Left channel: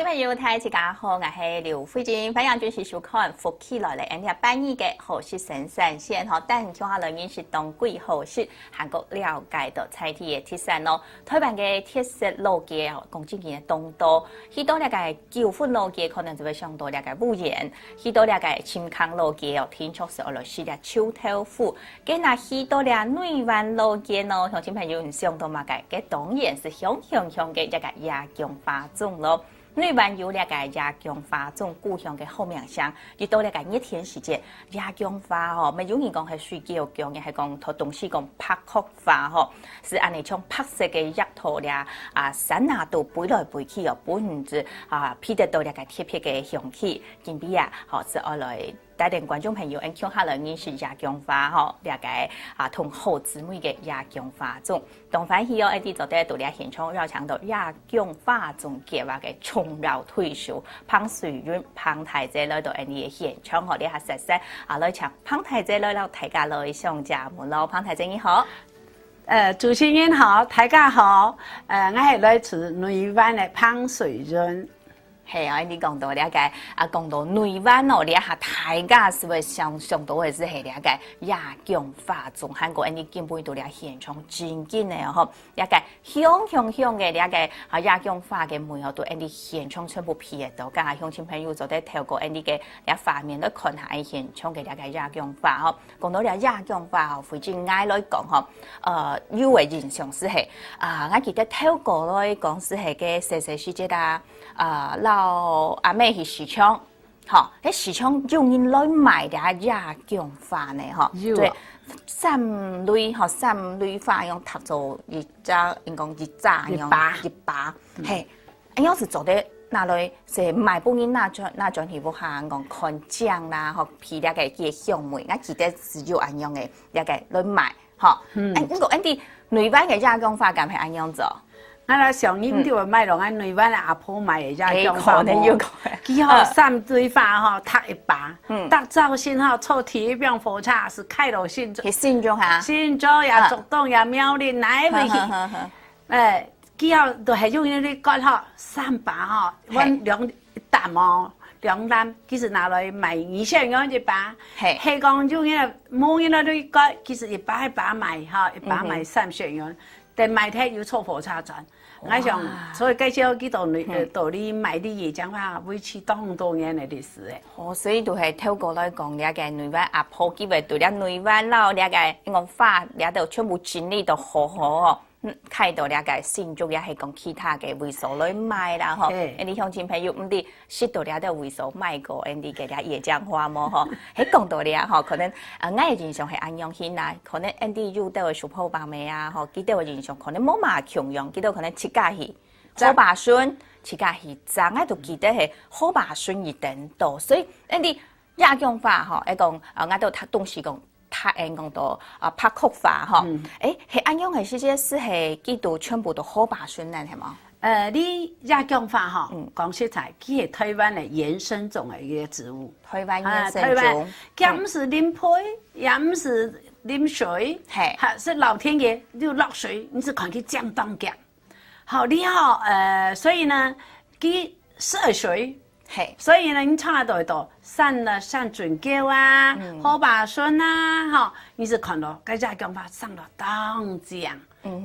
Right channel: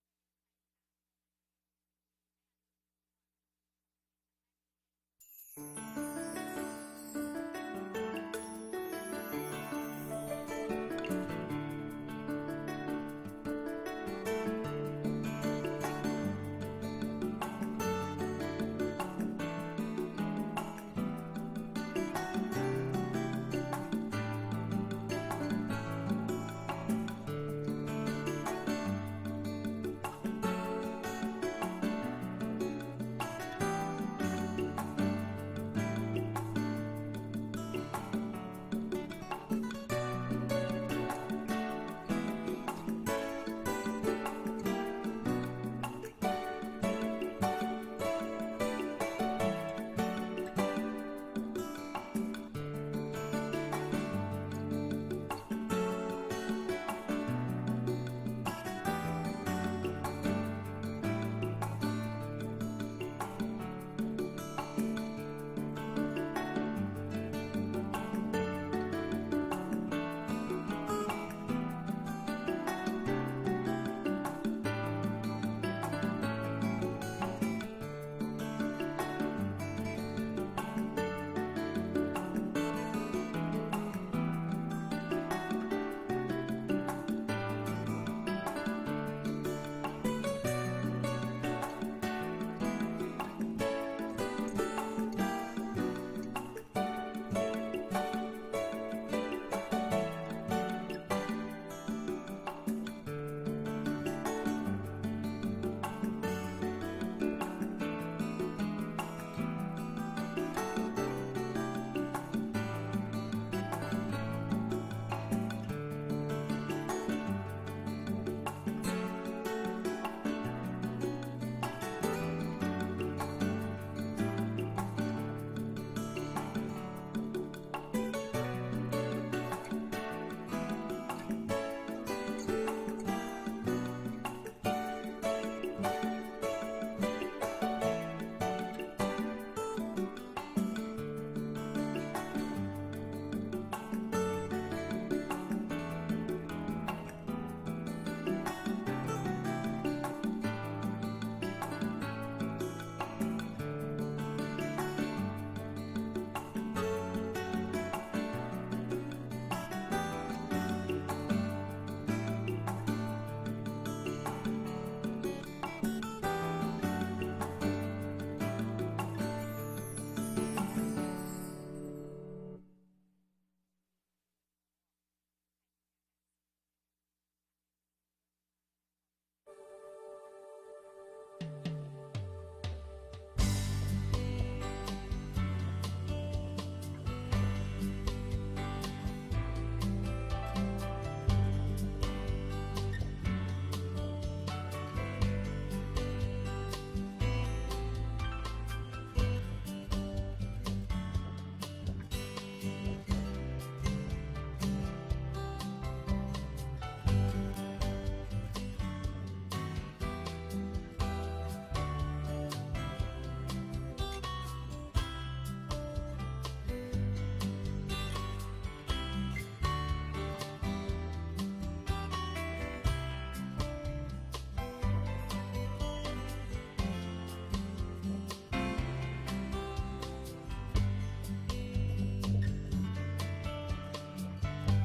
众朋友，大家好，我是刘慧晶，欢迎继续收看《福起来了》，N 半夜嘅好事神闪现吼，但中下来认识当季好事，韩国了解到菜地嘅特产咯。台湾嘅特色路街哦，讲真嘅东多，许多了解九份路街可能就会想到了解五盐，许多了解青康路街哦，天竺是俄罗斯嘅秋豆腐，跟那许多了内湾路街哦，乡亲朋友想到嘛嘅，嘅当然是香嘅一个亚强花种咯。内湾有两个亚强花种故乡的好名声，遇到两个热天时节，亚强花哦，咪有人讲系水饺强嘅，系讲托东西讲拍壳花吼，是安尼像拍色嘅叶土咧山度飞来飞去哦，本子披得到两个特别嘅香气。今日是我来带领观众朋友向下来认识亚强花吼，两个同好姊妹嘅亚强花种。东欢喜哦，一啲做得到咧现场绕墙到亚强花种计划嘅重绕退休，彭水云、彭太姐来到你嘅现场，我哋下实实来抢彭太姐来到大家来上节目咯。彭太姐你好，主持人好，大家好，我系来自内湾嘅彭水云。系啊，你讲到了解讲到内湾哦，你下大家是不是想到嘅是系了解亚强花种，韩国你根本到了现场真紧嘅吼，了解香嘅了解亚强花嘅门口到你现场全部批到，家下乡亲朋友就得透過你嘅畫面來看下現場嘅了解亞強花吼。講到了亞強花吼，附近挨來講吼，有嘅印象是係我記得透過來講是係嘅細細時節啦，老阿妹去市場，吼，喺市場有人來買啲亞強花呢，吼，對，三類花用搭做一扎，應講一扎用一把，嘿。要是做得拿來是買本人那種係不下講看獎啦，學批了個嘅項目，我記得是有安樣嘅，了個來買，嗬。不過啲內灣嘅亞強花咁係安樣做？我哋上年就買落喺內灣嘅阿婆買嘅亞強花，佢好三堆花吼，搭一把，搭造型吼，做體表火車是開到新竹，係新竹嚇，新竹也竹東也苗栗哪一邊？佢後就係用呢啲割吼三把吼，揾兩擔哦，兩擔，其實拿來賣200元一把。係講用呢冇呢啲割，其實一把賣嚇，一把賣300元，但賣睇要坐火車轉。我想，所以介紹幾道你買啲嘢講話，會持到好多年嘅歷史咧。哦，所以就係透過來講，了解內灣阿婆基本對了內灣佬了解我花了到全部整理到好好哦。開到了解新竹也係講其他嘅會所來賣啦，嗬。你鄉親朋友唔啲識到了啲會所賣過，啲嘅啲野薑花麼？嗬，喺講到了嗬，可能我嘅印象係安樣顯啦，可能啲有啲會熟泡白味啊，嗬，幾啲嘅印象可能冇嘛強樣，幾啲可能切家係好白筍，切家係爭喺度記得係好白筍而等到，所以啲亞強花嗬，講我都東西講。他講到拍曲花嗬，係安樣嘅時節是係幾度全部都好白筍咧，係嘛？你亞強花嗬，講實在，佢係台灣嘅原生種嘅一個植物。台灣原生種，佢唔是淋水，也唔是淋水，是老天爺就落水，你是看佢降當降。好，你好，所以呢，佢涉水，所以呢，你唱得到。散準膠啊，好白筍啊，哈，你是看到個亞強花上到當江，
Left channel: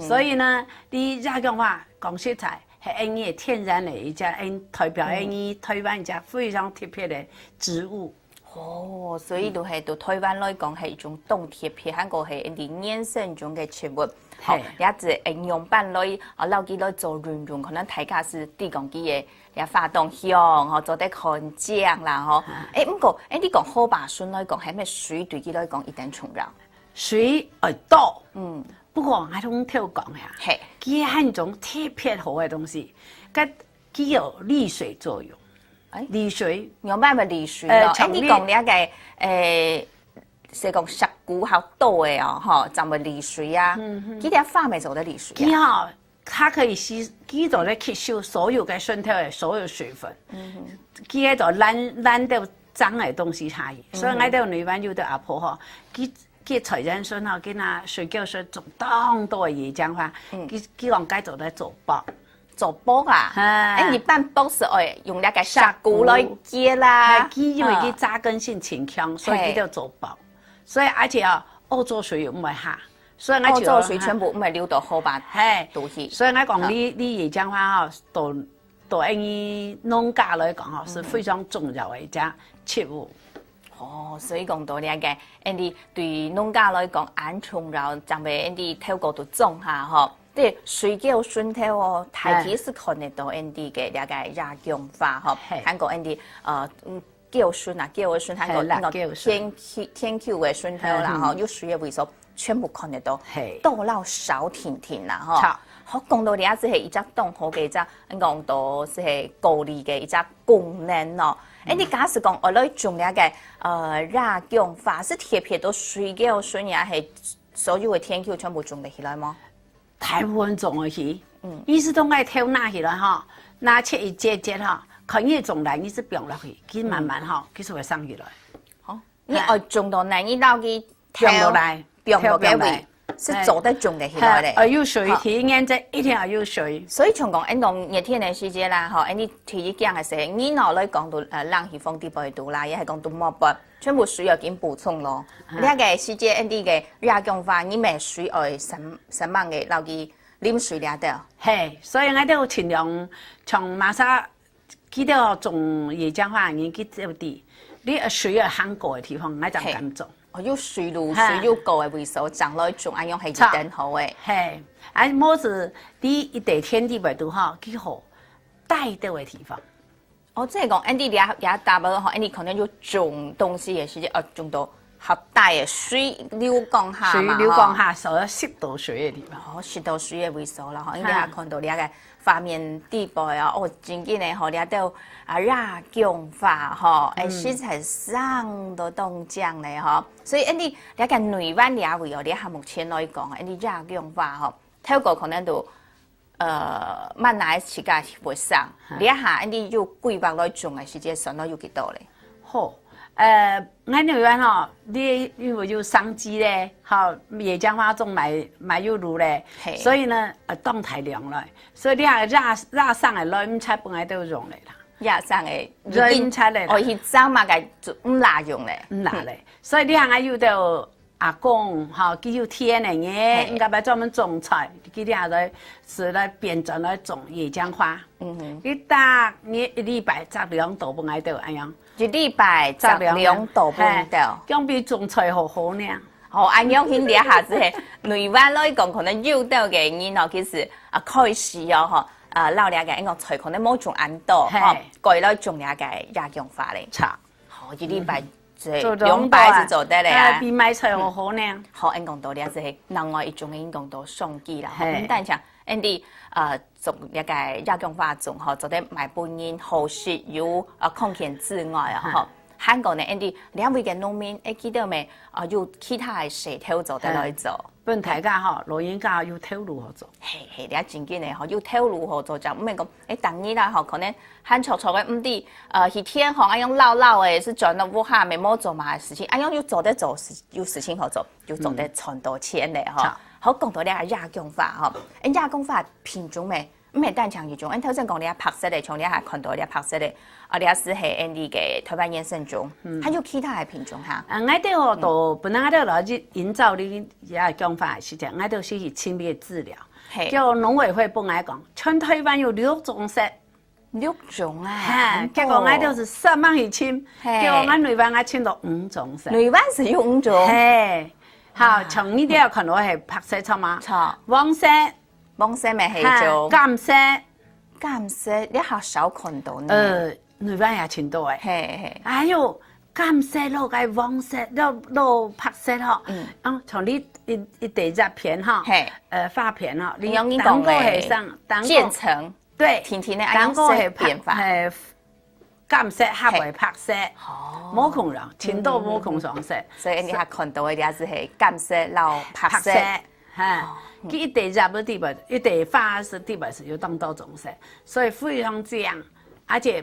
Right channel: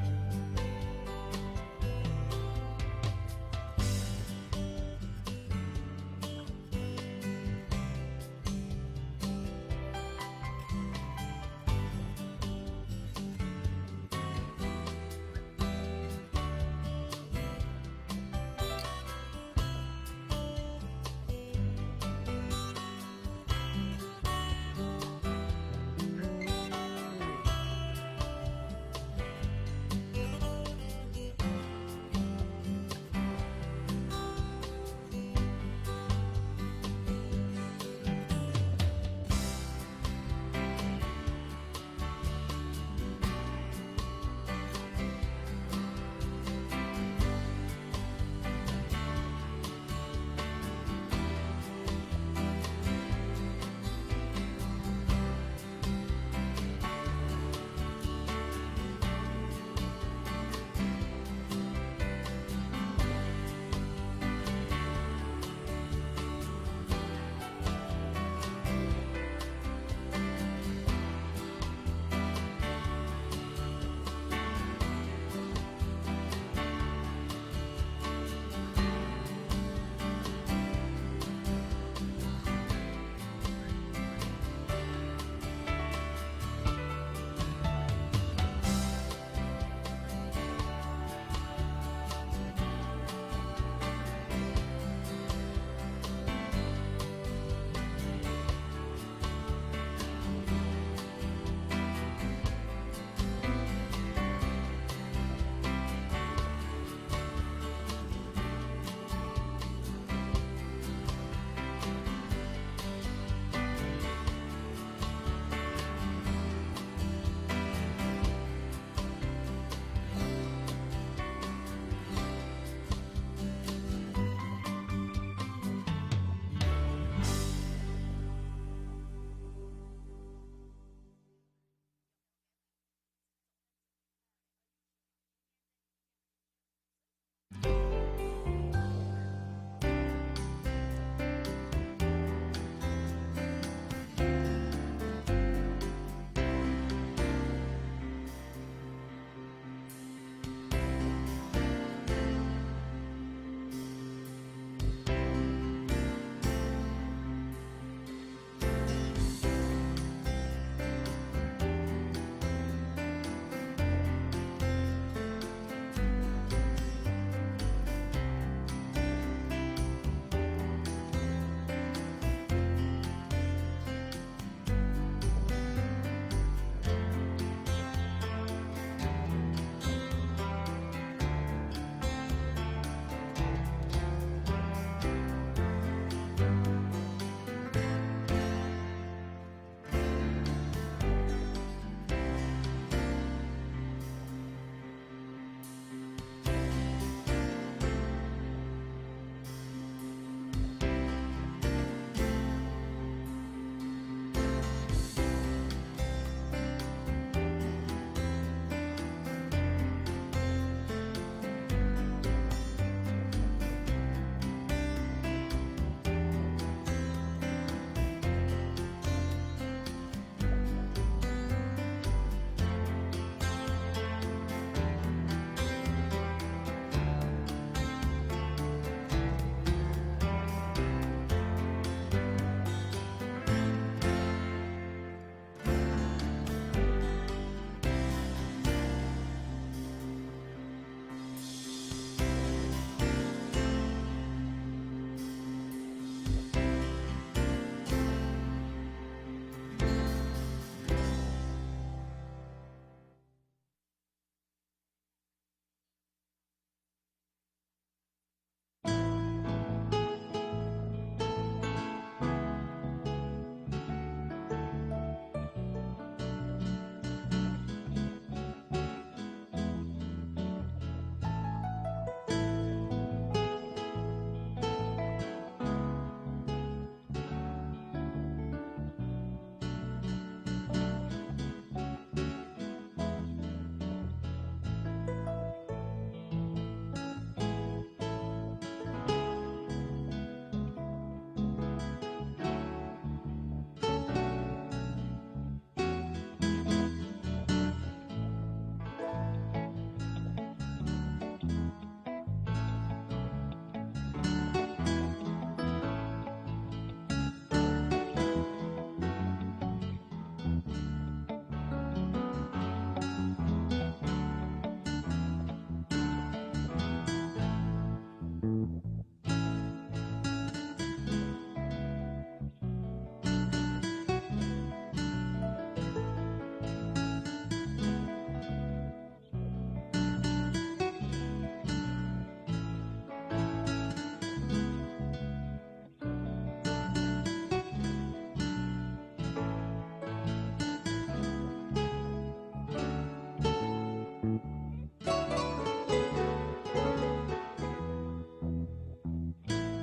所以呢，你亞強花講實在係你天然的一家，代表你台灣一家非常特別的植物。哦，所以就係對台灣來講係一種當特別，韓國係一啲原生種嘅植物。好，也是應用版來老幾來做運用，可能大家是對講啲嘢。也發動香，吼做得看醬啦，吼。不過，你講好白筍來講，係咩水對佢來講一定重要？水多，不過我同聽講下，佢係一種特別好嘅東西，佢有利水作用。利水有咩咪利水咯？你講呢個是講食菇好多嘅哦，吼，就咪利水啊。佢啲花咪做得利水啊。它可以吸到咧吸收所有嘅身體嘅所有水分，佢喺度攬到髒嘅東西下，所以我哋內灣有啲阿婆嗬，佢財人筍嗬，佢拿水餃筍做當多嘅野薑花，佢講該做咧做包，做煲啊，你拌煲是爱用那个砂锅来煎啦，鸡因为佢扎根性强强，所以佢就做煲。所以而且啊，澳洲水唔会下，所以我澳洲水全部唔系溜到好吧？系，都是。所以我讲你椰浆花哦，对于农家来讲哦，是非常重要的一家切物。所以讲到呢个，Andy 对农家来讲，安重要，将被 Andy 透过都种下吼，即水果顺头哦，大体是看得到 Andy 嘅呢个亚姜花吼，韩国 Andy 叫顺啊，叫顺，韩国那个天 Q 嘅顺头啦吼，有水嘅味素全部看得到，豆老少甜甜啦吼。好，讲到呢一只系一只冻好嘅一只，讲到是系高丽嘅一只功能咯。Andy 假使讲我来种呢个。亚姜花是特别到水果顺也系所有的天球全部种得起来吗？大部分种得起，意思都爱挑拿起来哈，拿切一节节哈，看你种来你是表落去，佢慢慢哈，佢就会生起来。好，你爱种到来你到佢表落来，表落来。是做得种得起来的，有水，提眼只一定要有水。所以从讲，讲热天的时节啦，吼，你提起讲的时候，你脑来讲到冷气风地不会多啦，也系讲到冇办，全部水要紧补充咯。呢个时节，Andy 嘅亚姜花，你咪水爱神猛嘅，留佢啉水了的。嘿，所以我都尽量从马上记得种椰浆花，你去走地，你水要很高的地方，我就咁做。有水路、水有高的位数，长来种，安样系真好诶。嘿，么子你一地天地袂度哈，几好带到的地方。我即系讲，Andy 也答唔好，Andy 可能要种东西嘅时间，种到合大嘅水流降下嘛，水流降下，所以适度水嘅地方。适度水嘅位数啦，吼，应该也看到你个画面地部啊，哦，真紧嘅吼，你都亚姜花吼，食材上都冻酱咧吼，所以Andy你个内湾也会有，你目前来讲，Andy亚姜花吼，透过可能都慢来时间会上，你下Andy要规划来种嘅时间，算到有几多咧？好。我内湾吼，你因为有商机咧，好椰浆花种买有路咧，所以呢，冻太凉了，所以你下热上的热菜本来都用咧，热上的热菜咧，哦，迄早嘛个唔辣用咧，唔辣咧，所以你下有到阿公，好，佢有天的嘢，应该来专门种菜，佢下来是来变种来种椰浆花，你大你一礼拜12度本来都安样。一礼拜12度半到，用比种菜好好呢。哦，安样迄底下子系内湾来讲，可能有到嘅人哦，其实开始哦吼，老两个因讲菜可能冇种安多，吼，过来种两个亚姜花嚟炒，哦，一礼拜做200是做得嚟啊，比买菜好好呢。好，因讲到咧，是另外一种因讲到送机啦，但像 Andy 种一个亚姜花种吼，做得买本人好食有抗菌之外啊吼，韩国呢 Andy 两位嘅农民会记得未？有其他嘅石头做得来做。本大家吼，老人家有头路好做。嘿，你真紧嘅吼，有头路好做就唔系讲当然啦吼，可能很错错嘅唔啲一天吼，安样老嘅是赚到无下没冇做嘛事情，安样又做得做有事情好做，就做得赚到钱咧吼。好讲到咧亚姜花吼，亚姜花品种咩？唔系单强一种，头先讲你白色的，从你下看到你白色的，你是系 Andy 嘅台湾野生种，还有其他嘅品种哈。我哋哦，都本来我哋来去营造你亚姜花是这样，我哋是去清理治疗。叫农委会本来讲，全台湾有6种色，6种啊，结果我哋是3万去清，结果我内湾我清到5种色。内湾是有5种。嘿，好，从呢啲要看到系白色错嘛，黄色。黄色咪系做甘色，甘色你好少看到呢。内湾也挺多诶。嘿，还有甘色咯，个黄色咯，白色吼。从你一地只片哈，发片哈，你用你讲诶，渐层，对，甜甜的，然后系变化，甘色合为白色，冇空人，青豆冇空黄色，所以你还看到嘅也是系甘色、老白色，佢一地入嘅地方，一地花是地方是有多种色，所以非常这样，而且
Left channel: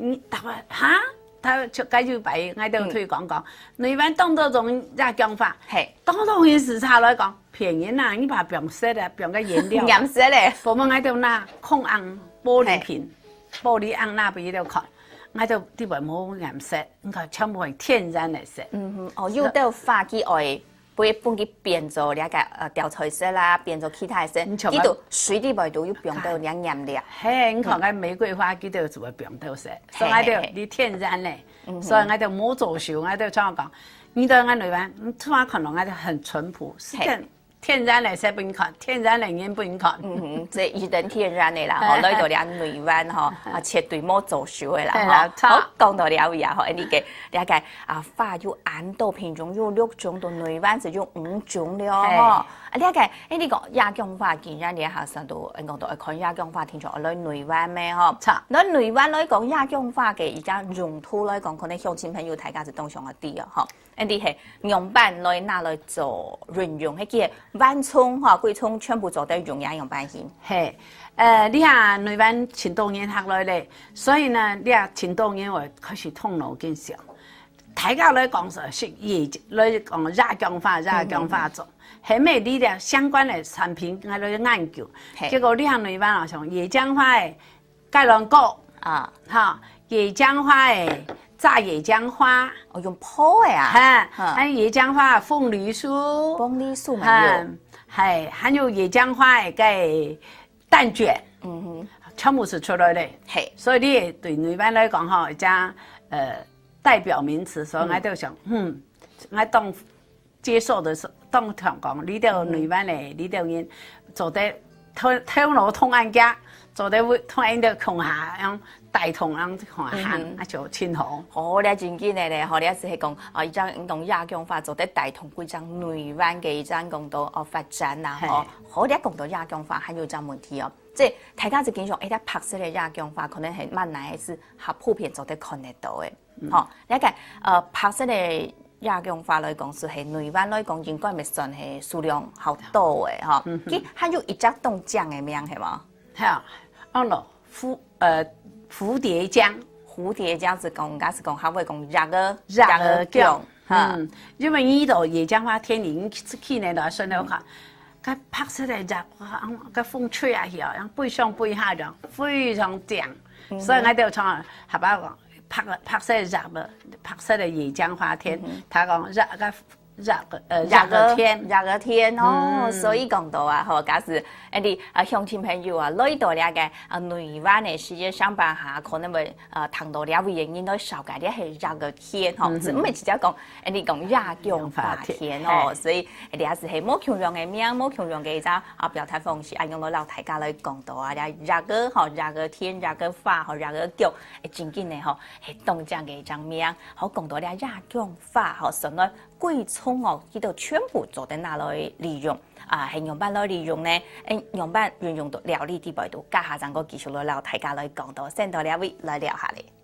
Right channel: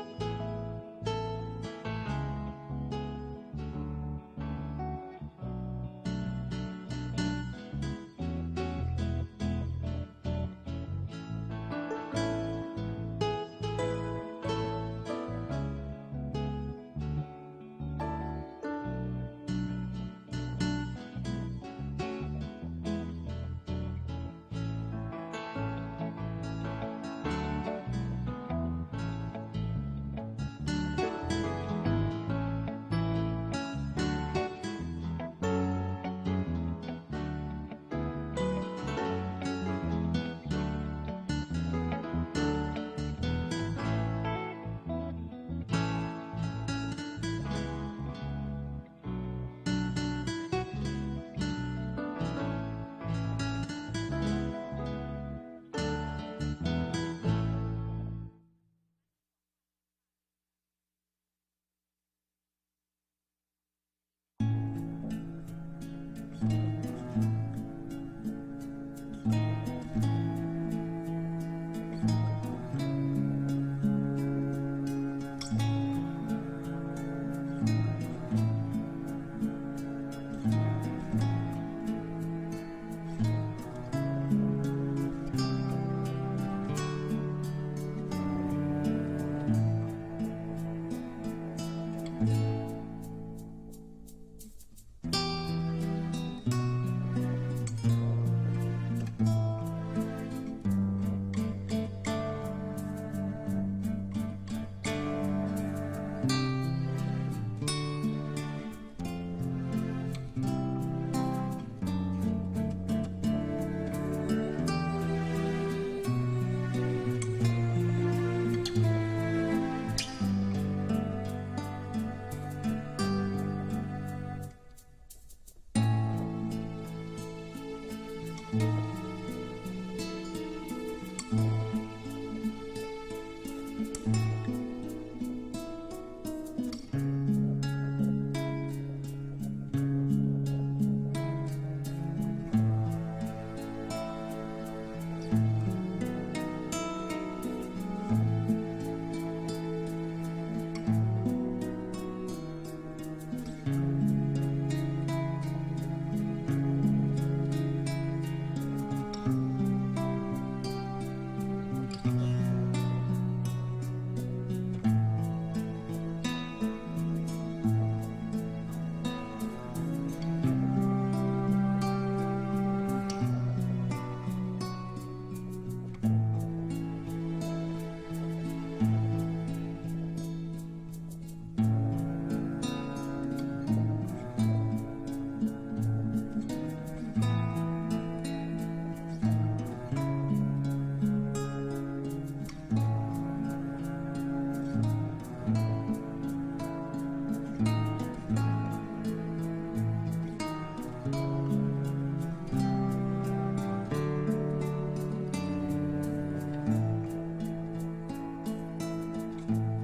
你大概哈他就介绍白，我就推广讲，台湾当多种亚讲法，係當當件事查來講，便宜啦，你把變色啊，變個顏料，顏色咧，我們喺度拿控紅玻璃瓶，玻璃紅那邊喺度看，喺度啲話冇顏色，你看全部係天然的色。哦，有啲化機愛，會幫佢變做了解調彩色啦，變做其他色，呢度水啲味道要變到兩顏料。係，你看個玫瑰花佢都做個變到色，所以喺度啲天然的，所以喺度冇做秀，喺度怎講？你到我台灣，你突然看到喺度很淳樸，是天然的色不用看，天然的人不用看。即係一定天然的啦，嗬，來到兩台灣嗬，絕對冇做秀的啦，嗬。好，講到了位啊，嗬，呢個了解花有很多品種，有6種，到台灣就有5種了，嗬。了解，呢個亞姜花既然你下上到講到看亞姜花品種，來台灣咩嗬？錯。來台灣來講亞姜花嘅而家用途來講，可能鄉親朋友大家是當上一啲啊，嗬。呢啲係用板來拿來做運用，係叫灣蔥嚇、桂蔥全部做得用樣用板去。係，你看台灣前多年下來咧，所以呢，你看前多年我開始通路減少。大家來講是業來講亞姜花做，係咩啲咧相關嘅產品我來研究。結果你看台灣啊，像野薑花嘅芥蘭果啊，嚇野薑花嘅。炸野薑花，我用泡的啊，還有野薑花鳳梨酥，鳳梨酥咪有，係，還有野薑花嘅蛋卷，全部是出來的，係，所以你對台灣來講吼，將代表名詞，所以我就想，我當接受的是當聽講，你到台灣嚟，你到人做得通路通安家。做得會同人哋窮下，咁大同咁行啊就前行。哦，你真緊嘅咧，嗬，你一時係講依張運動亞姜花做得大同規張台灣嘅依張講到發展啦，嗬。好，你一講到亞姜花，還有張問題哦，即係大家就見上一啲白色嘅亞姜花，可能係蠻難係係普遍做得看得到嘅，嗬。一個白色嘅亞姜花來講，是係台灣來講應該咪算係數量好多嘅，嗬。佢還有一隻凍醬嘅名係嘛？係啊。哦咯，蝴蝶薑，蝴蝶薑是講，假是講，還會講熱兒薑，因為呢度野薑花田已經去年來順了看，佢拍出嚟就，個風吹下去啊，背上背下就非常正，所以我哋就係把拍出嚟熱了，拍出嚟野薑花田，他講熱個天哦，所以講到啊，嗬，假是啲鄉親朋友啊，來到了嘅台灣嘅世界上班下，可能會談到了原因都少解啲係熱個天嗬，唔係直接講啲講亞姜花天哦，所以啲也是係冇強用嘅名，冇強用嘅一種表達方式，用到老大家來講到啊，熱個嗬，熱個天，熱個花，嗬，熱個姜，真緊嘅嗬，係凍醬嘅一種名，好講到了亞姜花，嗬，所以桂蔥哦，呢度全部做得拿來利用係用辦來利用呢，用辦運用到料理啲味道，家下陣個技術來聊，大家來講到，先到呢位來聊下嚟。